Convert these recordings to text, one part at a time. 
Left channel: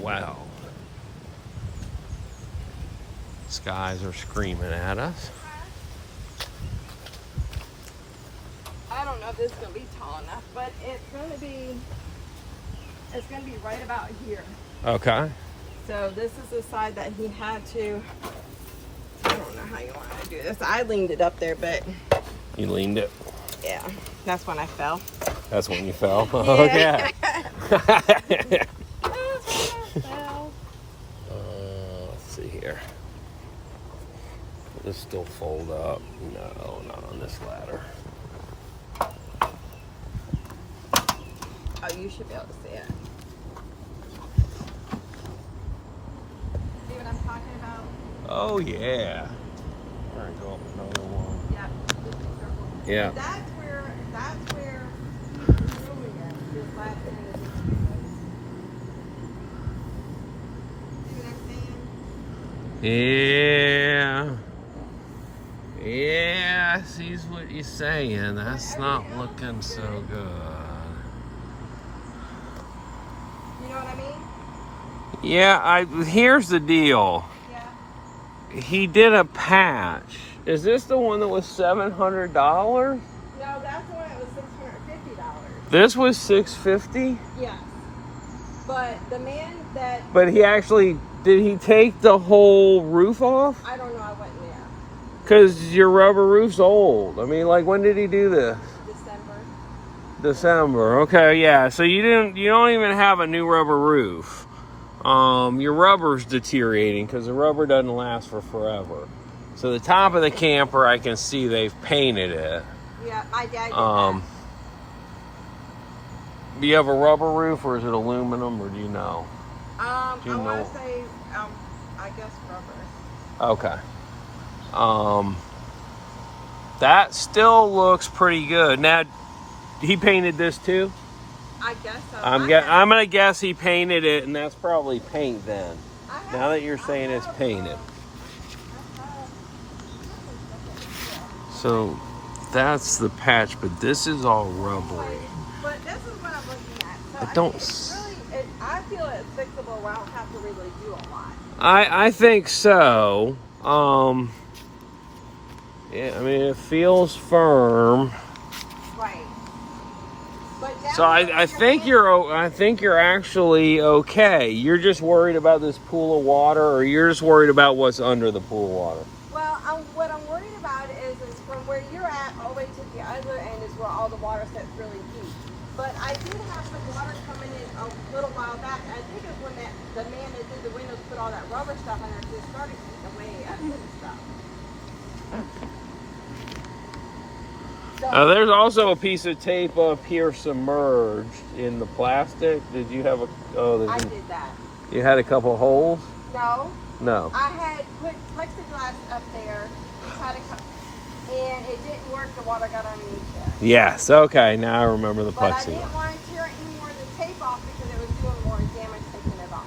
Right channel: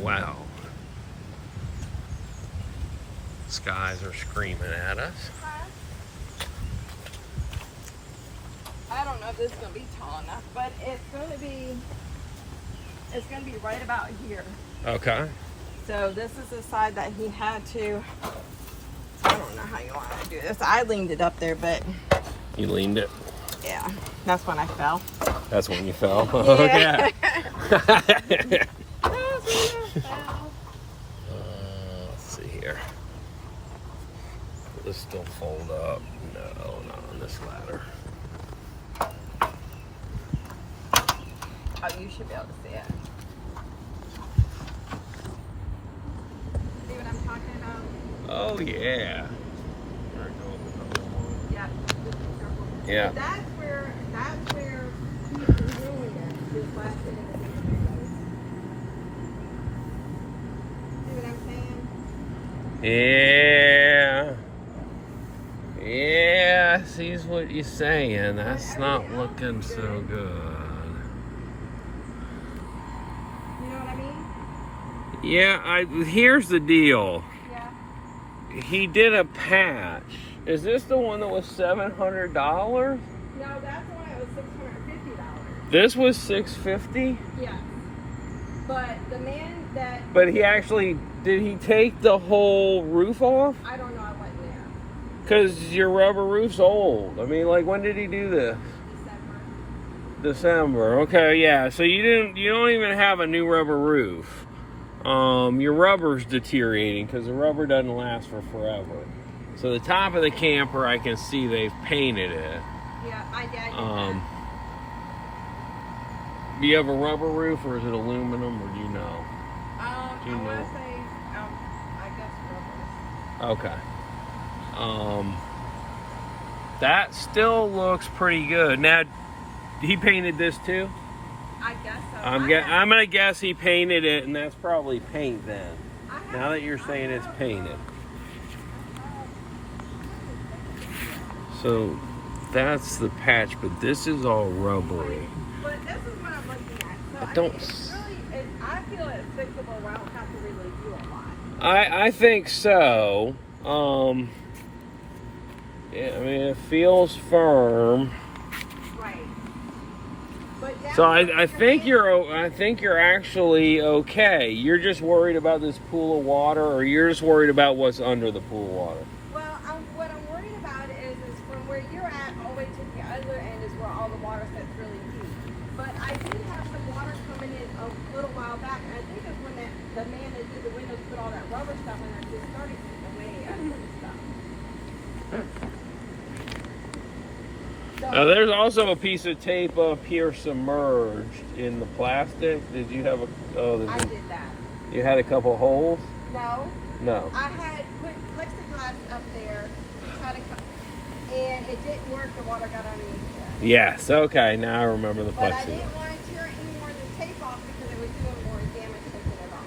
Wow. Skies are screaming at us. I don't know if this is gonna be tall enough, but it's gonna be right about here. Okay. So this is the side that he had to. I don't know how you want to do this. I leaned it up there, but You leaned it. yeah, that's when I fell. That's when you fell. Okay. Let's see here. Will this still fold up? No, not on this ladder. Oh, you should be able to see it. See what I'm talking about? Oh yeah. All right, go up another one. Yeah. Just be careful. Yeah. But that's where he's doing it. This last thing is see what I'm saying? Yeah. Yeah, I see what you're saying. That's not looking so good. You know what I mean? Yeah, here's the deal. Yeah. He did a patch. Is this the one that was $700? No, that's the one that was $650. This was $650? Yeah. But the man that But he actually, did he take the whole roof off? I don't know, I wasn't there. Because your rubber roof's old. I mean, like, when did he do this? December. Okay, yeah. So you don't even have a new rubber roof. Your rubber's deteriorating because the rubber doesn't last for forever. So the top of the camper, I can see they've painted it. Yeah, I did. Do you have a rubber roof or is it aluminum or do you know? I want to say, I guess rubber. Okay. That still looks pretty good. Now, he painted this too? I guess so. I'm gonna guess he painted it, and that's probably paint then. Now that you're saying it's painted. So that's the patch, but this is all rubbery. But this is what I'm looking at. So It don't. I feel it's fixable where I don't have to really do a lot. I think so. Yeah, I mean, it feels firm. Right. But So I think you're actually okay. You're just worried about this pool of water, or you're just worried about what's under the pool of water. Well, what I'm worried about is from where you're at all the way to the other end is where all the water sets really deep. But I did have some water coming in a little while back. I think it's when the man that did the windows put all that rubber stuff in there, just started eating away at the stuff. There's also a piece of tape up here submerged in the plastic. Did you have I did that. You had a couple holes? No. No. I had put plexiglass up there, and it didn't work. The water got underneath there. Yes. Okay. Now I remember the But I plexiglass. didn't want to tear any more of the tape off because it was doing more damage taking it off.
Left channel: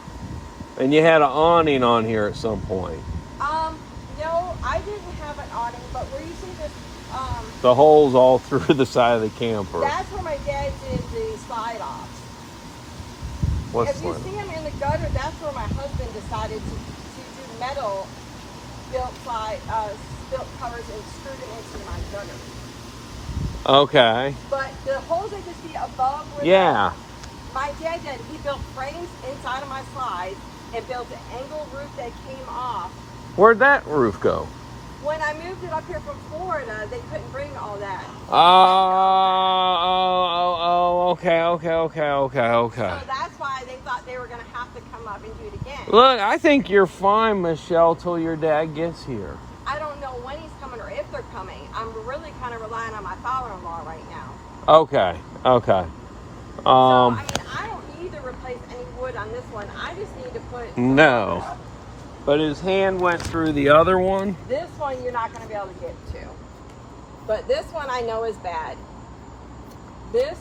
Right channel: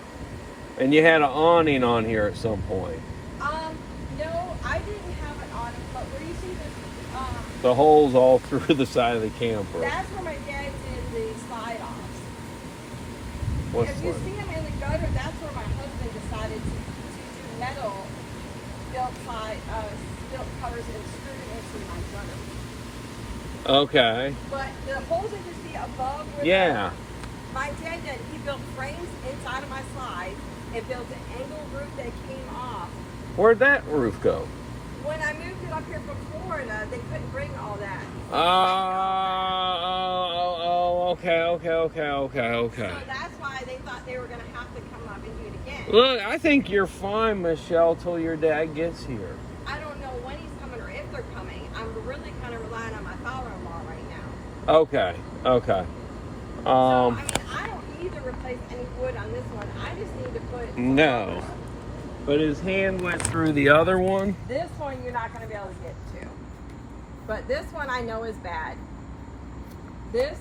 And you had an awning on here at some point. No, I didn't have an awning, but where you see this, The holes all through the side of the camper. that's where my dad did the slide off. What's If you one? see them in the gutter, that's where my husband decided to do metal built covers and screw it into my gutter. Okay. But the holes that you see above, Yeah. my dad did. He built frames inside of my slides and built an angled roof that came off. Where'd that roof go? When I moved it up here from Florida, they couldn't bring all that. Okay. So that's why they thought they were going to have to come up and do it again. Look, I think you're fine, Michelle, till your dad gets here. I don't know when he's coming or if they're coming. I'm really kind of relying on my father-in-law right now. Okay. So, I don't need to replace any wood on this one. I just need to put... No. But his hand went through the other one? This one you're not going to be able to get to. But this one I know is bad. This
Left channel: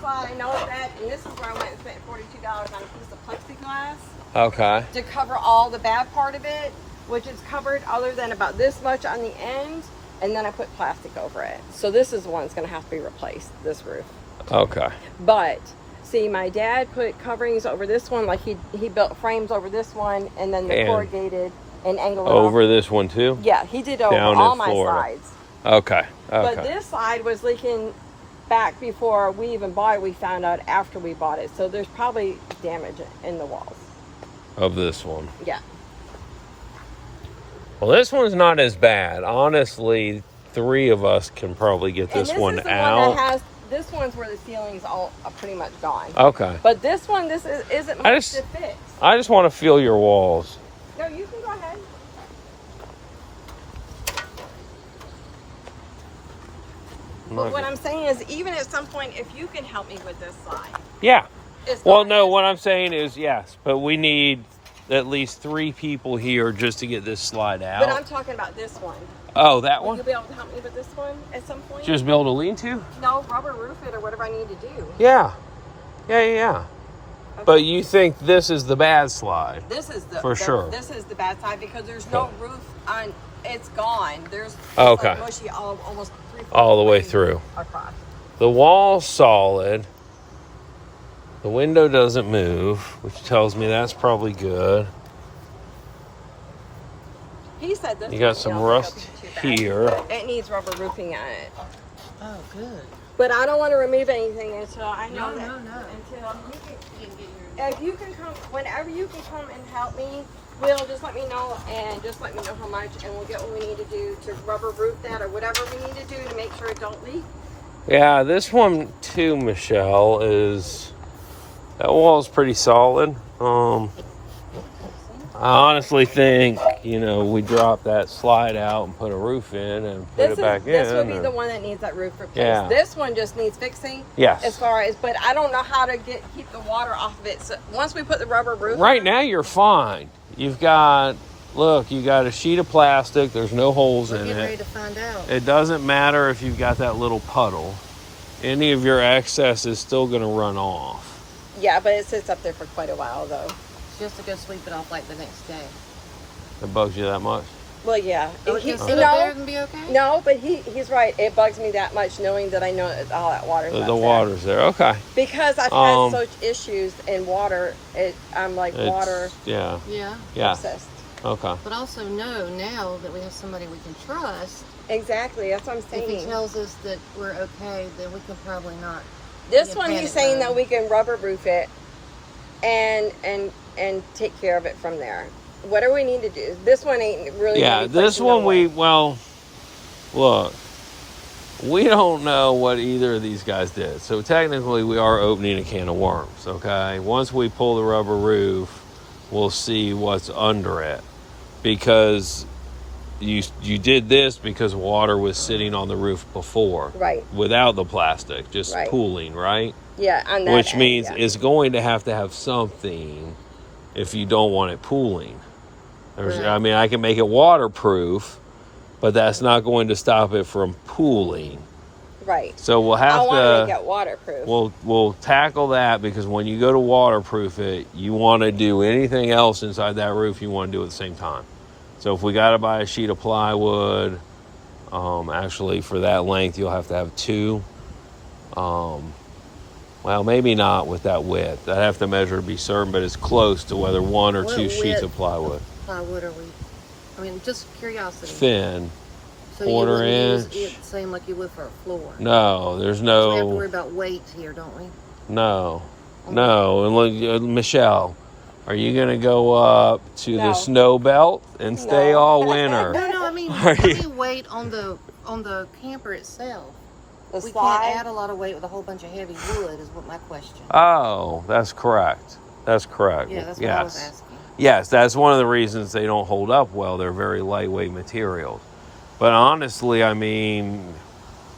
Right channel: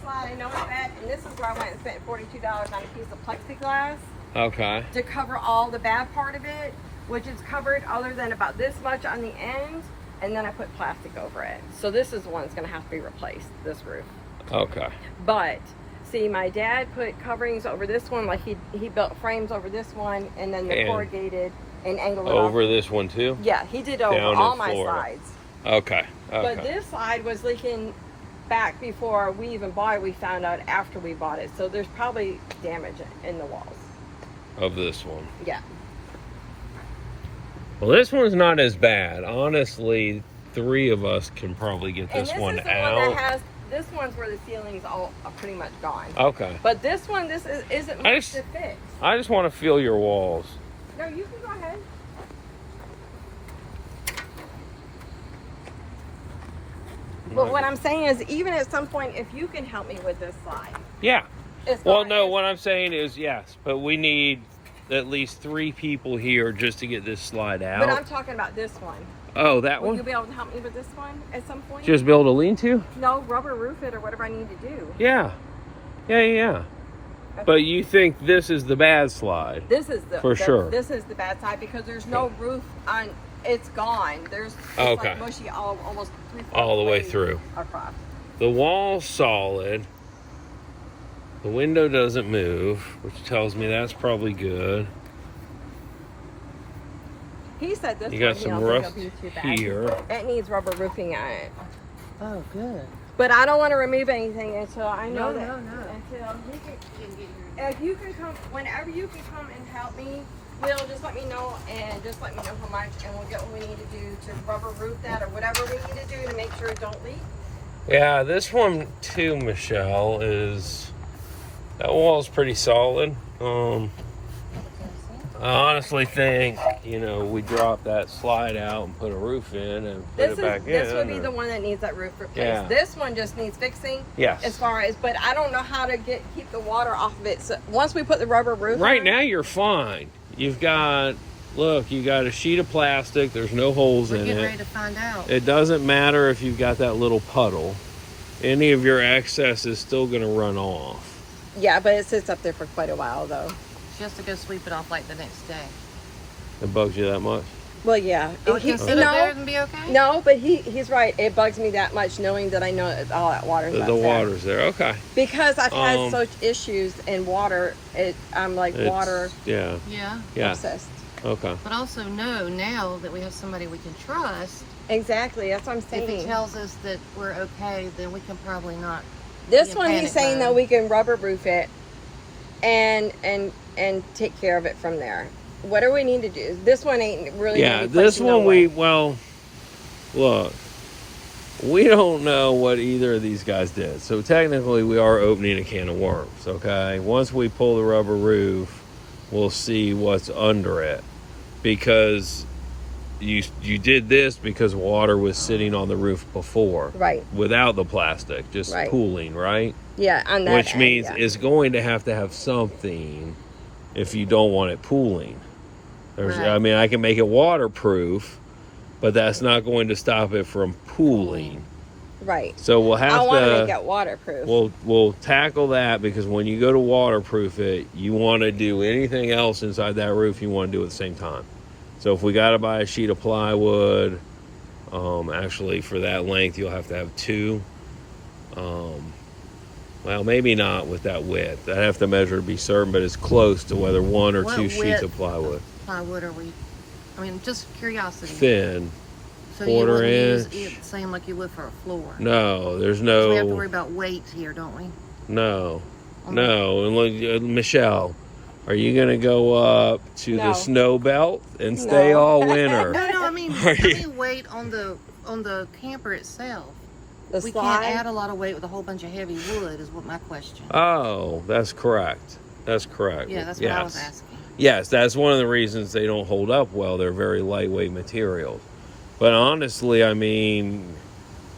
slide I know is bad, and this is where I went and spent $42 on a piece of plexiglass. Okay. To cover all the bad part of it, which is covered other than about this much on the end, and then I put plastic over it. So this is the one that's going to have to be replaced, this roof. Okay. But See, my dad put coverings over this one, like he built frames over this one, and then the And corrugated and angled it over off. this one too? Yeah, he did over Down all in my Florida. sides. Okay. But Okay. this side was leaking back before we even bought it. We found out after we bought it. So there's probably damage in the walls. Of this one. Yeah. Well, this one's not as bad. Honestly, 3 of us can probably get this, and this one is the out. one that has, this one's where the ceiling's all pretty much gone. Okay. But this one, isn't much to fix. I just want to feel your walls. No, you can go ahead. But what I'm saying is, even at some point, if you can help me with this side. Yeah. as Well, far no, as- what I'm saying is yes, but we need at least 3 people here just to get this slide But out. I'm talking about this one. Oh, that Will you one? be able to help me with this one at some point? Just build a lean-to? No, rubber roof it or whatever I need to do. Yeah. Yeah. But you think this is the bad slide? This is the For sure. This is the bad side because there's no roof on. It's gone. There's Okay. like mushy almost 3/4 All the way through. across. The wall's solid. The window doesn't move, which tells me that's probably good. He said this. You got one, some yeah, rust won't be too bad. here. It needs rubber roofing on it. Oh, good. But I don't want to remove anything until I know No, that. no. Until you can, if you can come, whenever you can come and help me, Will, just let me know and just let me know how much, and we'll get what we need to do to rubber roof that or whatever we need to do to make sure it don't leak. Yeah, this one too, Michelle, that wall's pretty solid. I honestly think, we drop that slide out and put a roof in and put it back in. This would be the one that needs that roof replaced. Yeah. This one just needs fixing. Yes. As far as, but I don't know how to keep the water off of it. So once we put the rubber roof Right on, now you're fine. You've got a sheet of plastic. There's no holes in Get ready it. to find out. It doesn't matter if you've got that little puddle. Any of your excess is still going to run off. Yeah, but it sits up there for quite a while though. Just to go sweep it off like the next day. It bugs you that much? Well, yeah. Oh, it can sit up there and be okay? No, but he's right. It bugs me that much knowing that I know that all that water. The water's there. Okay. Because I've had such issues in water. I'm like water Yeah. Yeah. obsessed. Okay. But also know now that we have somebody we can trust. Exactly. That's what I'm If he saying. tells us that we're okay, then we can probably not. This be a one, he's panic saying button. that we can rubber roof it and take care of it from there. What do we need to do? This one ain't really. Yeah, gonna be this fixing the one wall. look, we don't know what either of these guys did. So technically we are opening a can of worms, okay? Once we pull the rubber roof, we'll see what's under it. Because you did this because water was sitting on the roof before. Right. Without the plastic, just Right. pooling, right? Yeah, on that Which end, means yeah. it's going to have something if you don't want it pooling. Right. I can make it waterproof, but that's not going to stop it from pooling. Right. So we'll I have want to to make it waterproof. we'll tackle that, because when you go to waterproof it, you want to do anything else inside that roof you want to do at the same time. So if we got to buy a sheet of plywood, actually for that length you'll have to have 2. Well, maybe not with that width. I'd have to measure to be certain, but it's close to whether 1 or What 2 sheets width? of plywood. Plywood are we? I mean, just curiosity. Thin. So quarter you wouldn't inch. use it the same like you would for a floor. No, there's We have to no, worry about weight here, don't we? no. And look, Michelle, are you going to go up to No. the snow belt and stay No. all winter? No, I mean, Are you- weight on the camper itself. the We slide. can't add a lot of weight with a whole bunch of heavy wood, is what my question. Oh, that's correct. That's correct. Yeah, that's what I was asking. Yes, that's one of the reasons they don't hold up well. They're very lightweight material. But honestly, I mean,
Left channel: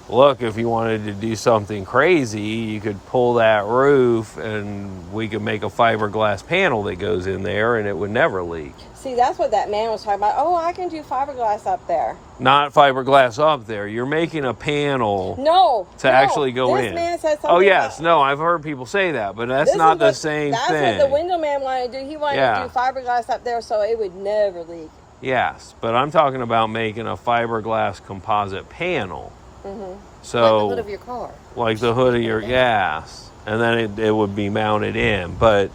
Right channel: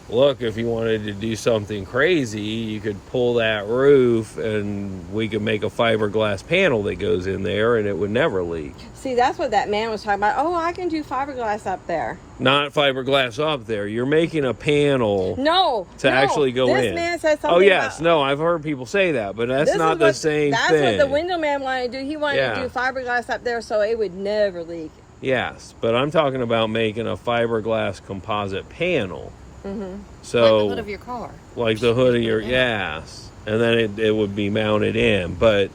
look, if you wanted to do something crazy, you could pull that roof and we could make a fiberglass panel that goes in there and it would never leak. See, that's what that man was talking about. Oh, I can do fiberglass up there. Not fiberglass up there. You're making a panel No. to actually go this in. Man said something Oh, yes. about- No, I've heard people say that, but that's This not is the what- same that's thing. what the window man wanted to do. He wanted Yeah. to do fiberglass up there so it would never leak. Yes, but I'm talking about making a fiberglass composite panel. Mm-hmm. So, Like the hood of your car. like the hood of your gas. and then it would be mounted in. But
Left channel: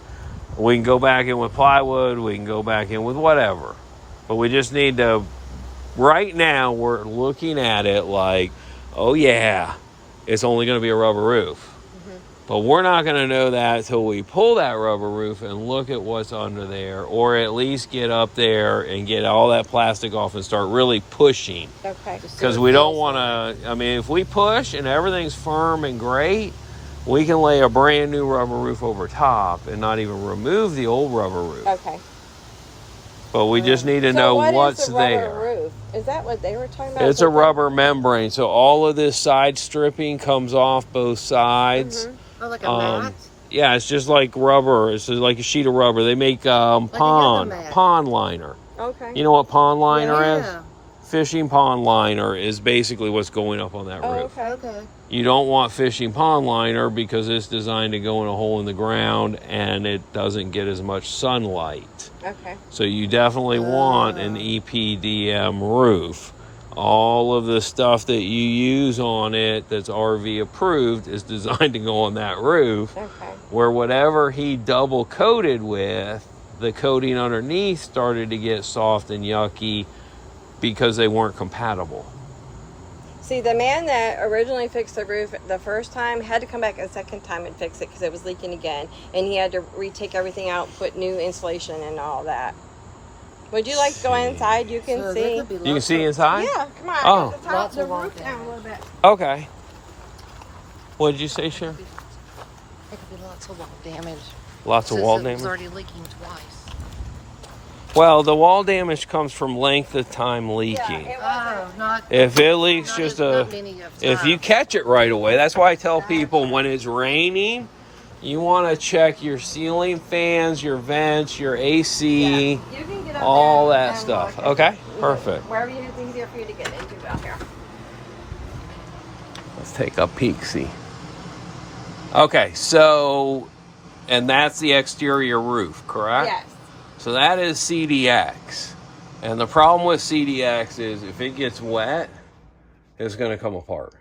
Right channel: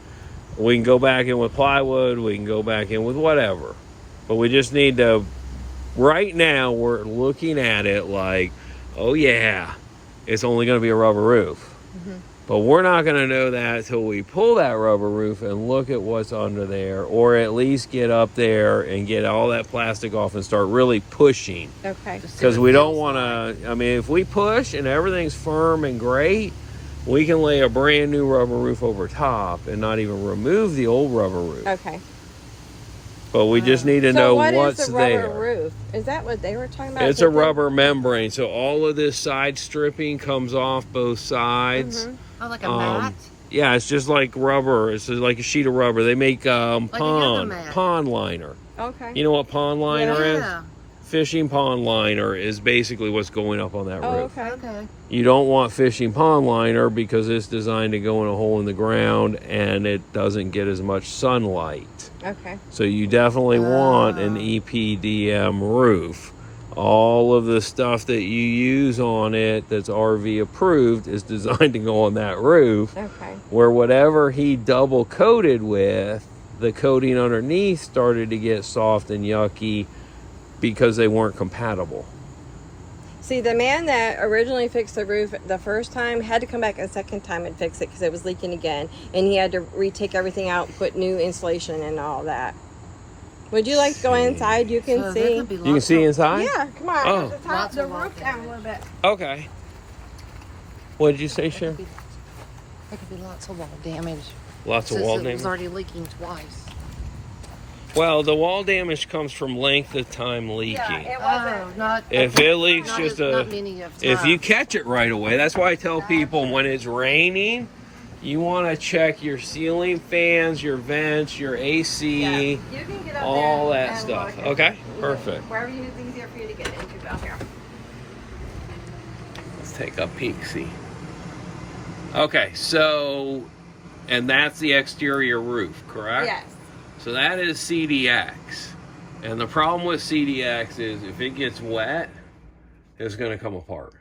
we can go back in with plywood, we can go back in with whatever. But we just need to, right now we're looking at it like, oh yeah, it's only going to be a rubber roof. But we're not going to know that until we pull that rubber roof and look at what's under there, or at least get up there and get all that plastic off and start really pushing. Okay. Because we don't want to, I mean, if we push and everything's firm and great, we can lay a brand new rubber roof over top and not even remove the old rubber roof. Okay. But we just need to know what's is the rubber there. Roof? Is that what they were talking about? It's a rubber membrane, so all of this side stripping comes off both sides. Oh, like a mat? Yeah, it's just like rubber. It's like a sheet of rubber. They make pond liner. Okay. You know what pond liner Yeah. is? Fishing pond liner is basically what's going up on that roof. Okay. You don't want fishing pond liner because it's designed to go in a hole in the ground and it doesn't get as much sunlight. Okay. So you definitely want an EPDM roof. All of the stuff that you use on it that's RV approved is designed to go on that roof. Okay. Where whatever he double coated with, the coating underneath started to get soft and yucky because they weren't compatible. See, the man that originally fixed the roof the first time had to come back a second time and fix it because it was leaking again. And he had to retake everything out, put new insulation and all that. Would you like to go inside? You can see. You can see inside? Yeah, come on. Oh. Let's turn the roof down a little bit. Okay. What did you say, Sharon? There could be lots of wall damage. Lots of wall It damage? was already leaking twice. Well, the wall damage comes from length of time leaking. If it leaks if you catch it right away, that's why I tell people when it's raining, you want to check your ceiling fans, your vents, your AC, You can get up all there that and stuff. look. Okay, perfect. Wherever you think easier for you to get into out here. Let's take a peek, see. Okay, so, and that's the exterior roof, correct? Yes. So that is CDX. And the problem with CDX is if it gets wet, it's going to come apart.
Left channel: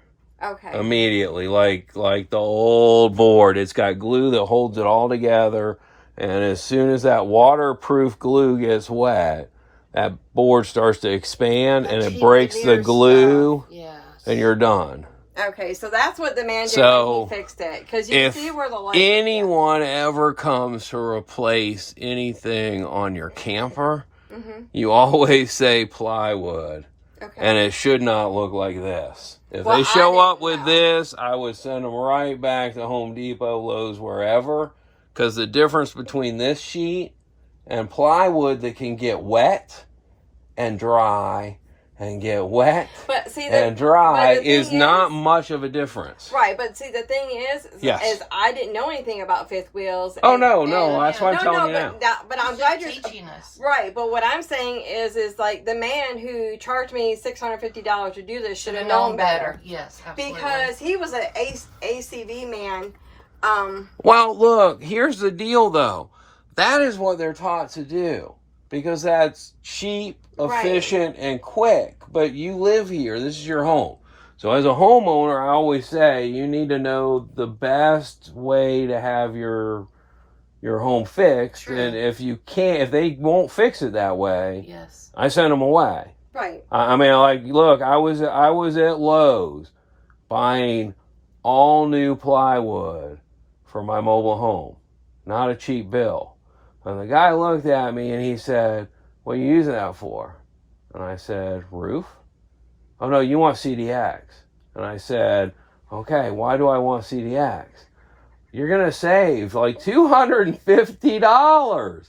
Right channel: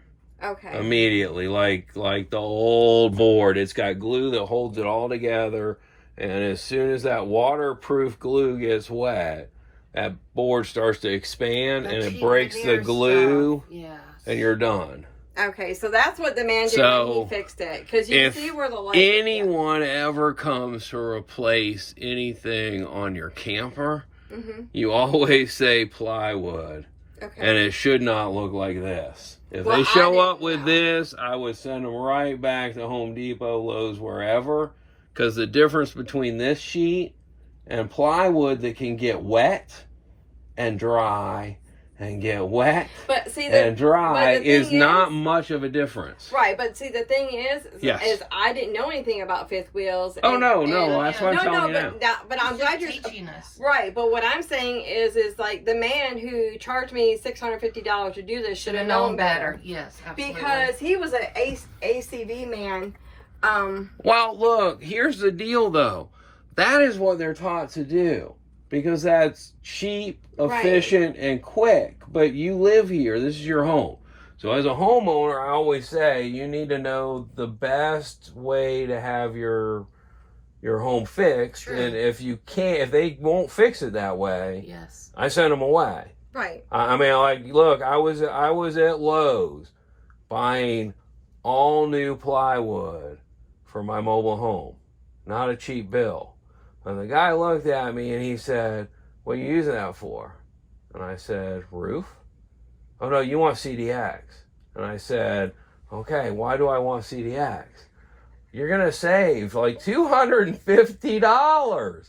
Okay. Immediately, like the old board. It's got glue that holds it all together. And as soon as that waterproof glue gets wet, that board starts to expand and it breaks the glue. Yes. And you're done. Okay, so that's what the man did So, when he fixed it. Because you if see where the light anyone ever comes to replace anything on your camper, you always say plywood. Okay. And it should not look like this. If Well, they show I up with this, I would send them right back to Home Depot, Lowe's, wherever. Because the difference between this sheet and plywood that can get wet and dry and get wet But see, and dry but the is thing not much of a difference. Right, but see, the thing is I didn't know anything about fifth wheels. Oh, no, that's what I'm telling you but, now. But I'm glad you're teaching us. Right, but what I'm saying is like the man who charged me $650 to do this should have known better. Yes, absolutely. Because he was an ACV man. Well, look, here's the deal, though. That is what they're taught to do. Because that's cheap, efficient, and quick. But you live here. This is your home. So as a homeowner, I always say you need to know the best way to have your home fixed. True. And if you can't, if they won't fix it that way, yes, I send them away. Right. I mean, like, look, I was at Lowe's buying all new plywood for my mobile home. Not a cheap bill. And the guy looked at me and he said, "What are you using that for?" And I said, "Roof." "Oh no, you want CDX." And I said, "Okay, why do I want CDX?" "You're going to save like $250.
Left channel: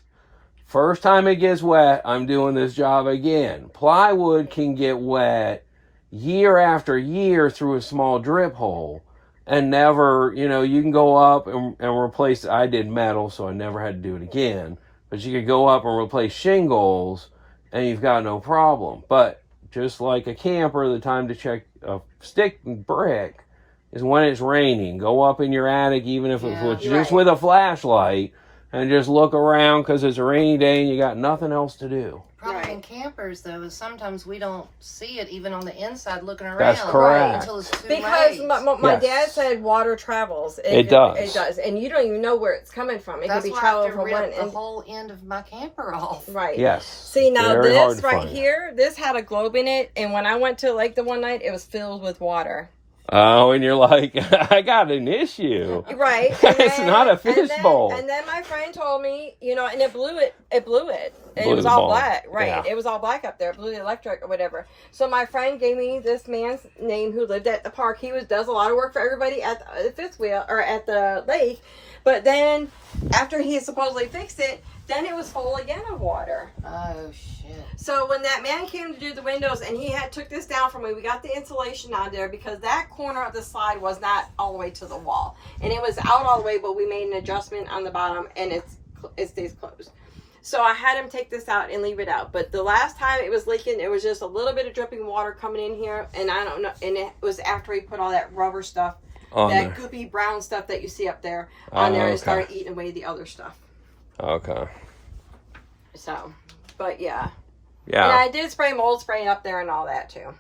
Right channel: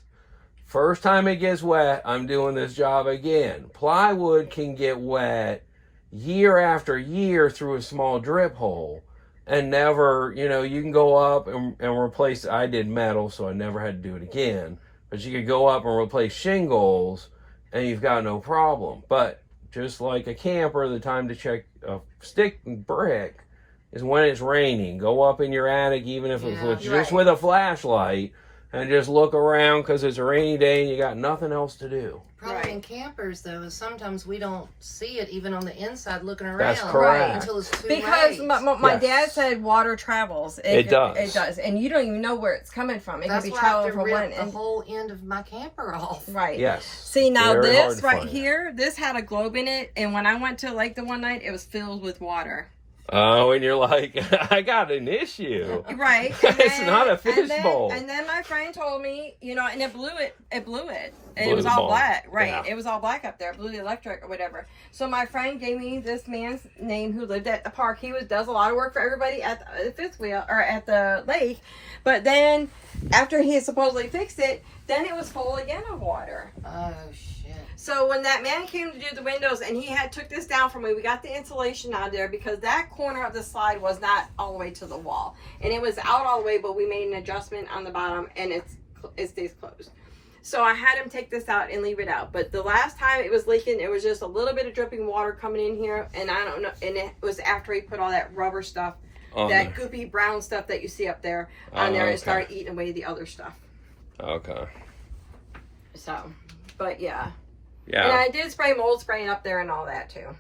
First time it gets wet, I'm doing this job again." Plywood can get wet year after year through a small drip hole. And never, you can go up and replace, I did metal, so I never had to do it again. But you could go up and replace shingles, and you've got no problem. But just like a camper, the time to check a stick and brick is when it's raining. Go up in your attic, even if it's just with a flashlight. and just look around because it's a rainy day and you got nothing else to do. Problem in campers, though, is sometimes we don't see it even on the inside looking around. That's correct. Until it's too Because late. my dad said water travels. It does. It does. And you don't even know where it's coming from. It That's could be why I traveling have to from rip one the end. whole end of my camper off. Right. Yes. See, now Very hard this to right find. here, this had a globe in it. And when I went to lake the one night, it was filled with water. Oh, and you're like, I got an issue. Right. It's not a fishbowl. And then my friend told me, you know, and it blew it. And Blew it was the all ball. black. Right. Yeah. It was all black up there. Blew the electric or whatever. So my friend gave me this man's name who lived at the park. He does a lot of work for everybody at the fifth wheel or at the lake. But then after he supposedly fixed it, then it was full again of water. Oh, shit. So when that man came to do the windows and he took this down for me, we got the insulation on there because that corner of the slide was not all the way to the wall. And it was out all the way, but we made an adjustment on the bottom and it stays closed. So I had him take this out and leave it out. But the last time it was leaking, it was just a little bit of dripping water coming in here. And I don't know. And it was after he put all that rubber stuff, that goopy brown stuff that you see up there on there, and it started eating away the other stuff. Okay. So, but yeah. Yeah. And I did spray mold spray up there and all that too.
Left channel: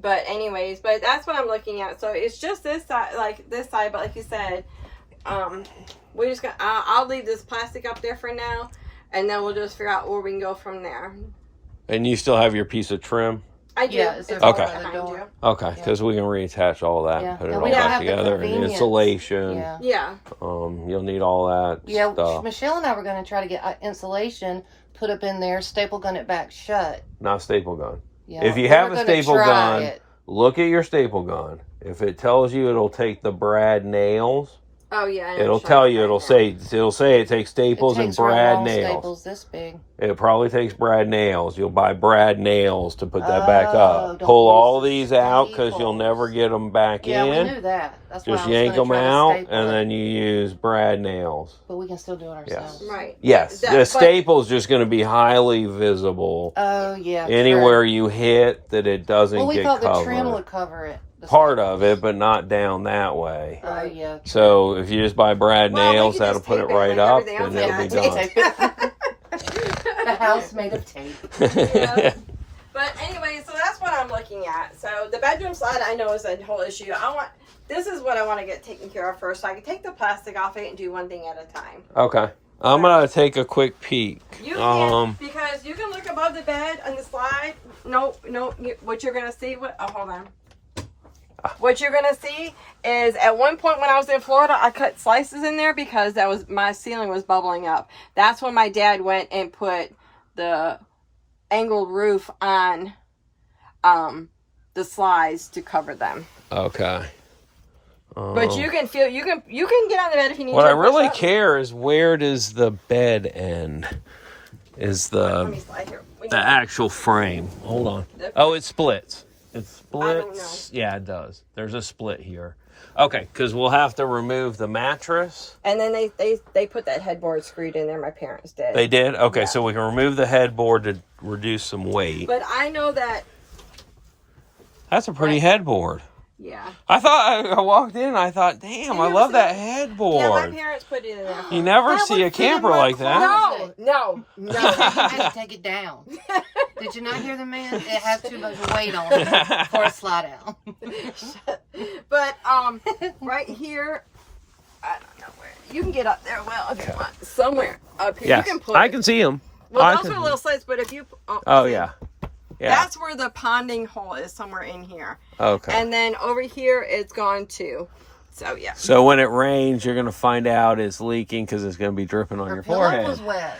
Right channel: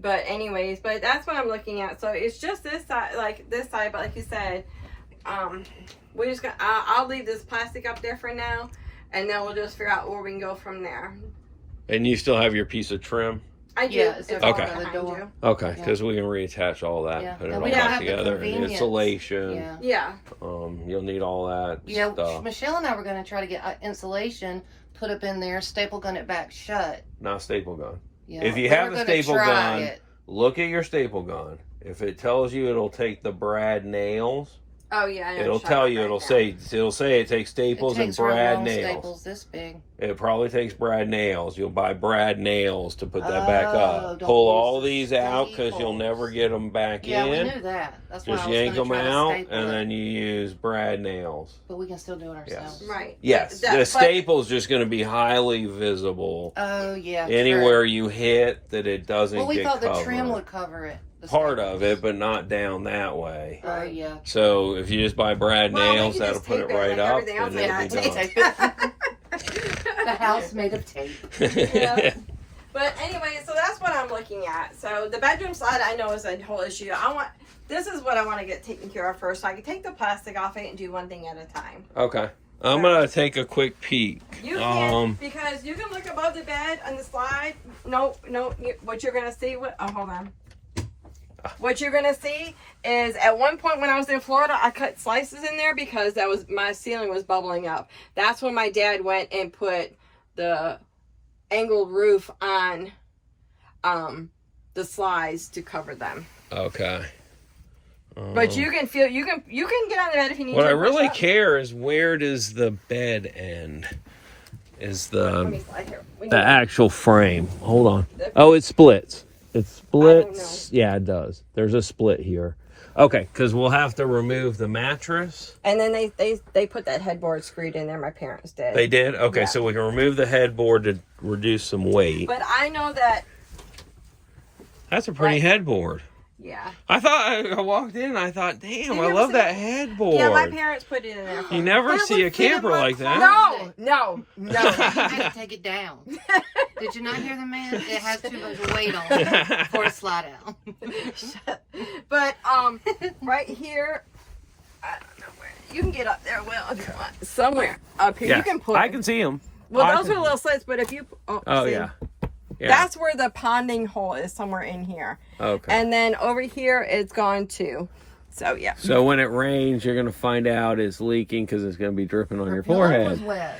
But anyways, but that's what I'm looking at. So it's just this side, but like you said, we just I'll leave this plastic up there for now, and then we'll just figure out where we can go from there. And you still have your piece of trim? I do. Yeah, it's It's okay. right behind you. Okay, because we can reattach all that Yeah. and put it And all we don't back have the together. And convenience. insulation. Yeah. Yeah. You'll need all that Yeah, stuff. Michelle and I were going to try to get insulation put up in there, staple gun it back shut. Not staple gun. Yeah. If you We have were a gonna staple try gun, it. look at your staple gun. If it tells you it'll take the brad nails, Oh yeah. I know it'll what you're tell you. talking It'll say it takes It staples takes and real brad long nails. staples this big. It probably takes brad nails. You'll buy brad nails to put that back Oh, up. don't Pull use all the these out because you'll staples. never get them back Yeah, we in. knew that. That's why Just I was yank gonna them try to out, staple and it. then you use brad nails. But we can still do it ourselves. Yes. about. Right. Yes, That- the but- staple's just going to be highly visible Oh, yeah. true. anywhere you hit that it doesn't Well, we get thought the covered. trim would cover it. The Part staples. of it, but not down that way. Oh, yeah. So if you just buy brad Well, we nails, can that'll just put it tape it right like up, everything else and it'll I be done. done. The house made of tape. Yeah. But anyway, so that's what I'm looking at. So the bedroom slide I know is a whole issue. This is what I want to get taken care of first, so I can take the plastic off it and do one thing at a time. Okay. I'm gonna take a quick peek. You can, because you can look above the bed on the slide. No, what you're gonna see, hold on. What you're gonna see is at one point when I was in Florida, I cut slices in there because my ceiling was bubbling up. That's when my dad went and put the angled roof on the slides to cover them. Okay. But you can get on the bed if you need What to. I really care is where does the bed end? Is Let me slide here. the actual frame? Hold on. Oh, it splits. It don't splits. Yeah, it does. There's a split here. Okay, because we'll have to remove the mattress. And then they put that headboard screwed in there. My parents did. They did? Okay, Yeah. so we can remove the headboard to reduce some weight. But I know that. That's a pretty headboard. Yeah. I thought, I walked in, I thought, damn, you I ever love see- that Yeah, my headboard. parents put it in there. You never Yeah, see a let's see camper them like up that. No. You had to take it down. Did you not hear the man? It has too much weight on it for a slide out. But right here, I don't know where you can get up there. Well, if you want, somewhere up here you can put. I can see them. Well, those are the little slits, but if you. Oh, see, yeah. Yeah. That's where the ponding hole is, somewhere in here. Okay. And then over here, it's gone too. So yeah. So when it rains, you're going to find out it's leaking because it's going to be dripping on your Pillow forehead. was wet.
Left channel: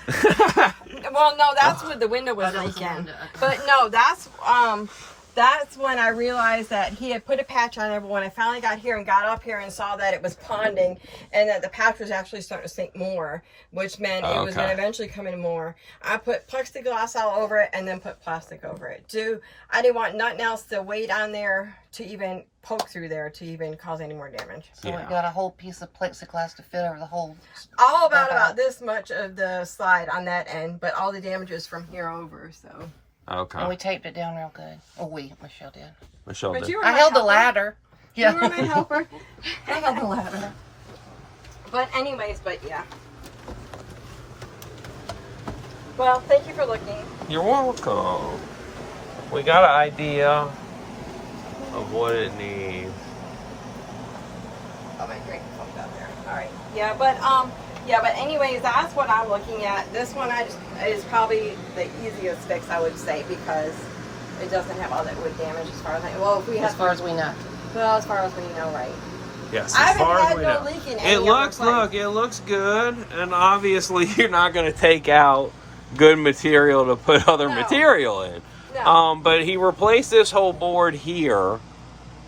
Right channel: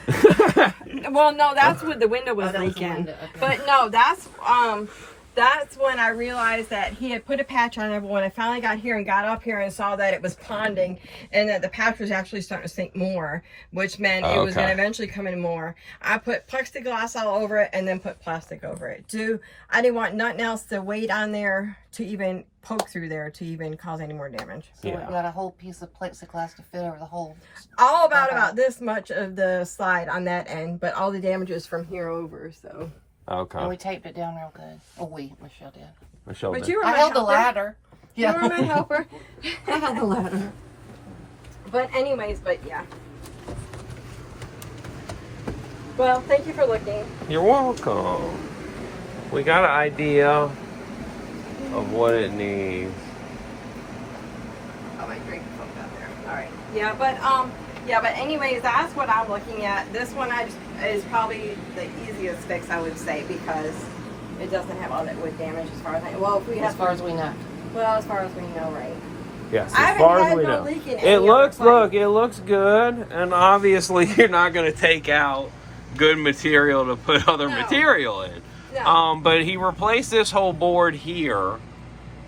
Well, no, that's what the window was that was the leaking. window, okay. But no, that's when I realized that he had put a patch on everyone. I finally got here and got up here and saw that it was ponding and that the patch was actually starting to sink more, which meant it was going to eventually come in more. I put plexiglass all over it and then put plastic over it. I didn't want nothing else to weight on there to even poke through there to even cause any more damage. So we got a whole piece of plexiglass to fit over the whole. All about this much of the slide on that end, but all the damage is from here over, so. Okay. And we taped it down real good. Oh, Michelle did. Michelle But did. you were I my held the helper. ladder. You were my helper. I held the ladder. But anyways, but yeah. Well, thank you for looking. You're welcome. We got an idea of what it needs. Oh, my drink is out there. All right. Yeah, but anyways, that's what I'm looking at. This one is probably the easiest fix, I would say, because it doesn't have all that wood damage as far as As far as we know. Well, as far as we know, right? Yes, I as haven't far as had we no know. leak in any It other looks, place. it looks good, and obviously you're not going to take out good material to put other No. material in. No. But he replaced this whole board here.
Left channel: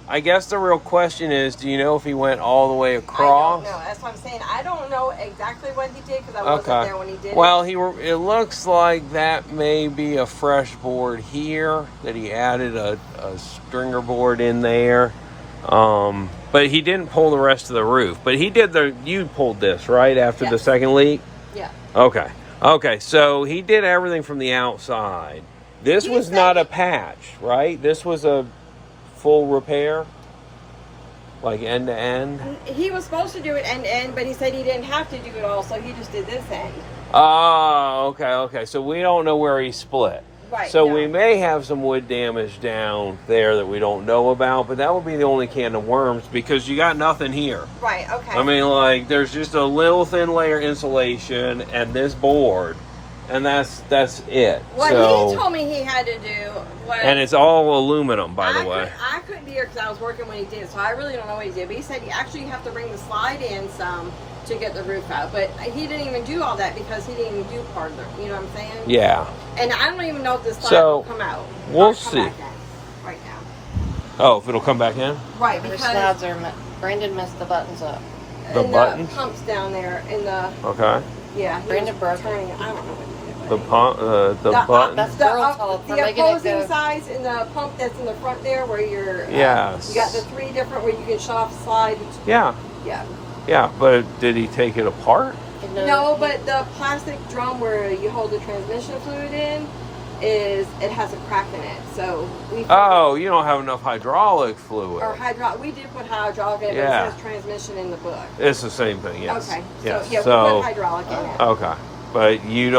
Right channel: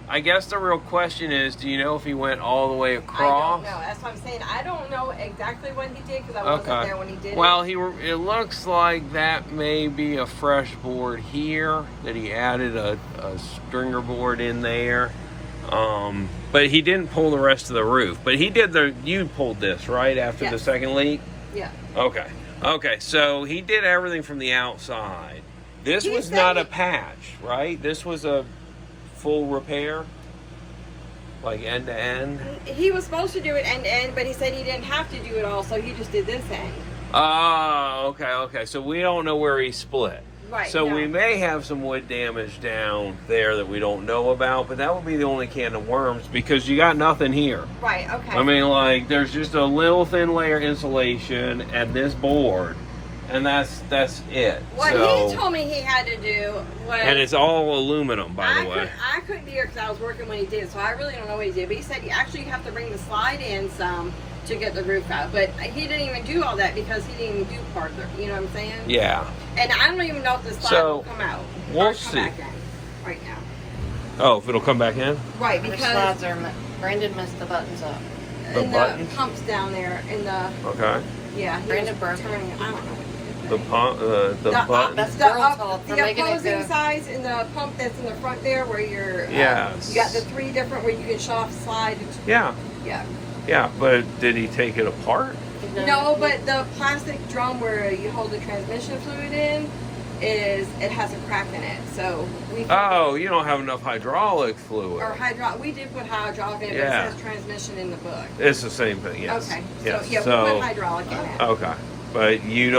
I guess the real question is, do you know if he went all the way across? I don't know. That's what I'm saying. I don't know exactly what he did because I wasn't there when he did Well, it. it looks like that may be a fresh board here, that he added a stringer board in there. But he didn't pull the rest of the roof. But he did you pulled this, right, after the Yes. second leak? Yeah. Okay, so he did everything from the outside. This He was said not a he- patch, right? This was a full repair? Like end to end? He was supposed to do it end to end, but he said he didn't have to do it all, so he just did this end. Oh, okay. So we don't know where he split. Right. So no. we may have some wood damage down there that we don't know about, but that would be the only can of worms because you got nothing here. Right. Okay. I mean, like, there's just a little thin layer insulation and this board, and that's it. What so, he told me he had to do was. and it's all aluminum, by the way. I couldn't be here because I was working when he did, so I really don't know what he did. But he said you actually have to bring the slide in some to get the roof out. But he didn't even do all that because he didn't even do part of it. You know what I'm saying? Yeah. And I don't even know if the slide So, will come out. we'll or come see. back in right now. Oh, if it'll come back in? Right, The because slides are, Brandon messed the buttons up. The in buttons? the pumps down there in the Okay. yeah. he Brandon was broke turning- I don't know. The button? That's The, girl talk for the making it opposing go. sides in the pump that's in the front there where you're Yes. you got the three different where you can shut off the slide. Yeah. Yeah. But did he take it apart? No, but the plastic drum where you hold the transmission fluid in it has a crack in it. So we Oh, you don't have enough hydraulic fluid. or we did put hydraulic in, Yeah. but it says transmission in the book. It's the same thing, yes. Okay. Yes. So yeah, we So, put hydraulic in it. okay. But you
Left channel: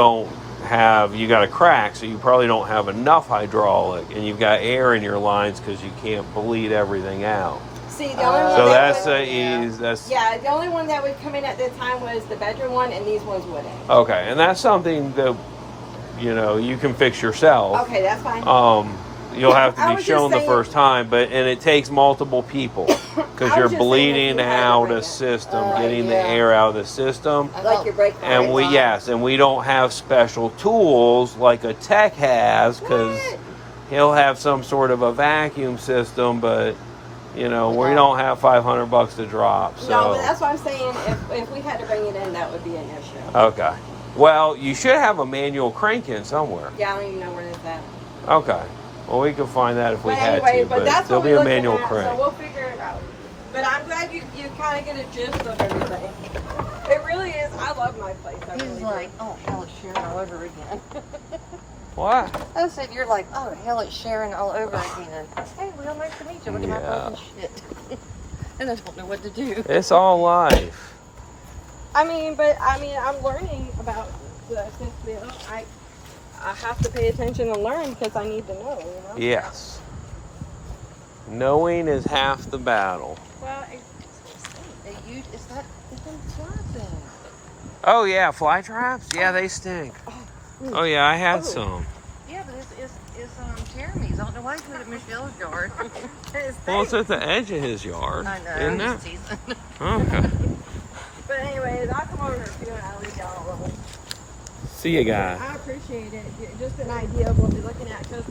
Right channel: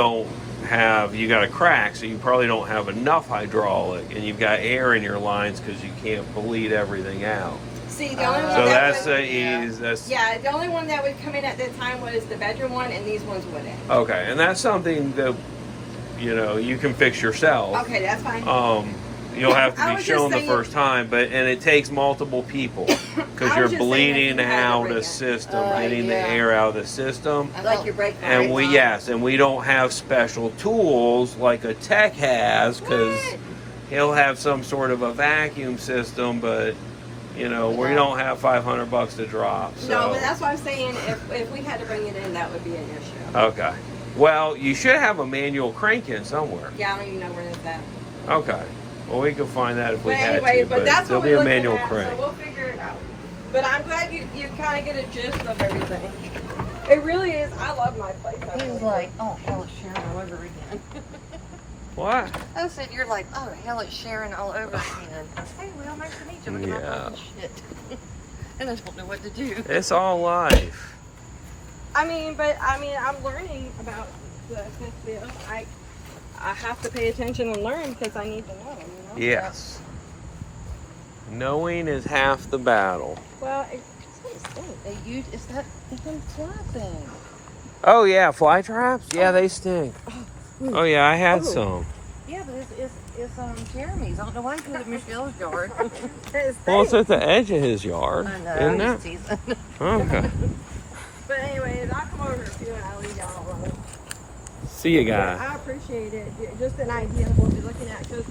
got a crack, so you probably don't have enough hydraulic, and you've got air in your lines because you can't bleed everything out. See, the only one So that that's yeah, the only one that would come in at that time was the bedroom one, and these ones wouldn't. okay, and that's something that you can fix yourself. Okay, that's fine. You'll have to I be was just shown the saying- first time, and it takes multiple people because I you're was just saying if bleeding you had to out bring a it. system, Right, getting the yeah. air out of the system. Like your brake And lights. we don't have special tools like a tech has because What? he'll have some sort of a vacuum system, but we don't have $500 to drop. So No, but that's what I'm saying. If we had to bring it in, that would be an issue. okay. Well, you should have a manual crank in somewhere. Yeah, I don't even know where it's at. Okay. Well, we can find that if we But had anyway, to, but that's there'll what be we're a looking manual at, crank. so we'll figure it out. But I'm glad you kind of get a gist of everything. It really is. I love my place. I He really was do. like, oh, hell, it's Sharon all over again. What? I said, you're like, oh, hell, it's Sharon all over again. Hey, we all nice to meet you. Look at my Yeah. phone shit. And I don't know what to do. It's all life. I'm learning about the Smith Bill. I have to pay attention and learn because I need to know. Yes. Knowing is half the battle. Well, It's that damn fly thing. Oh yeah, fly traps? Yeah, they stink. Oh yeah, I had some. Yeah, but it's Jeremy's. I don't know why he put it in Michelle's yard. Well, it's at the edge of his yard, I know. isn't it? Okay. But anyways, I'll come over and I'll leave y'all alone. See you guys. I appreciate it. Just an idea of what we're looking at. So it's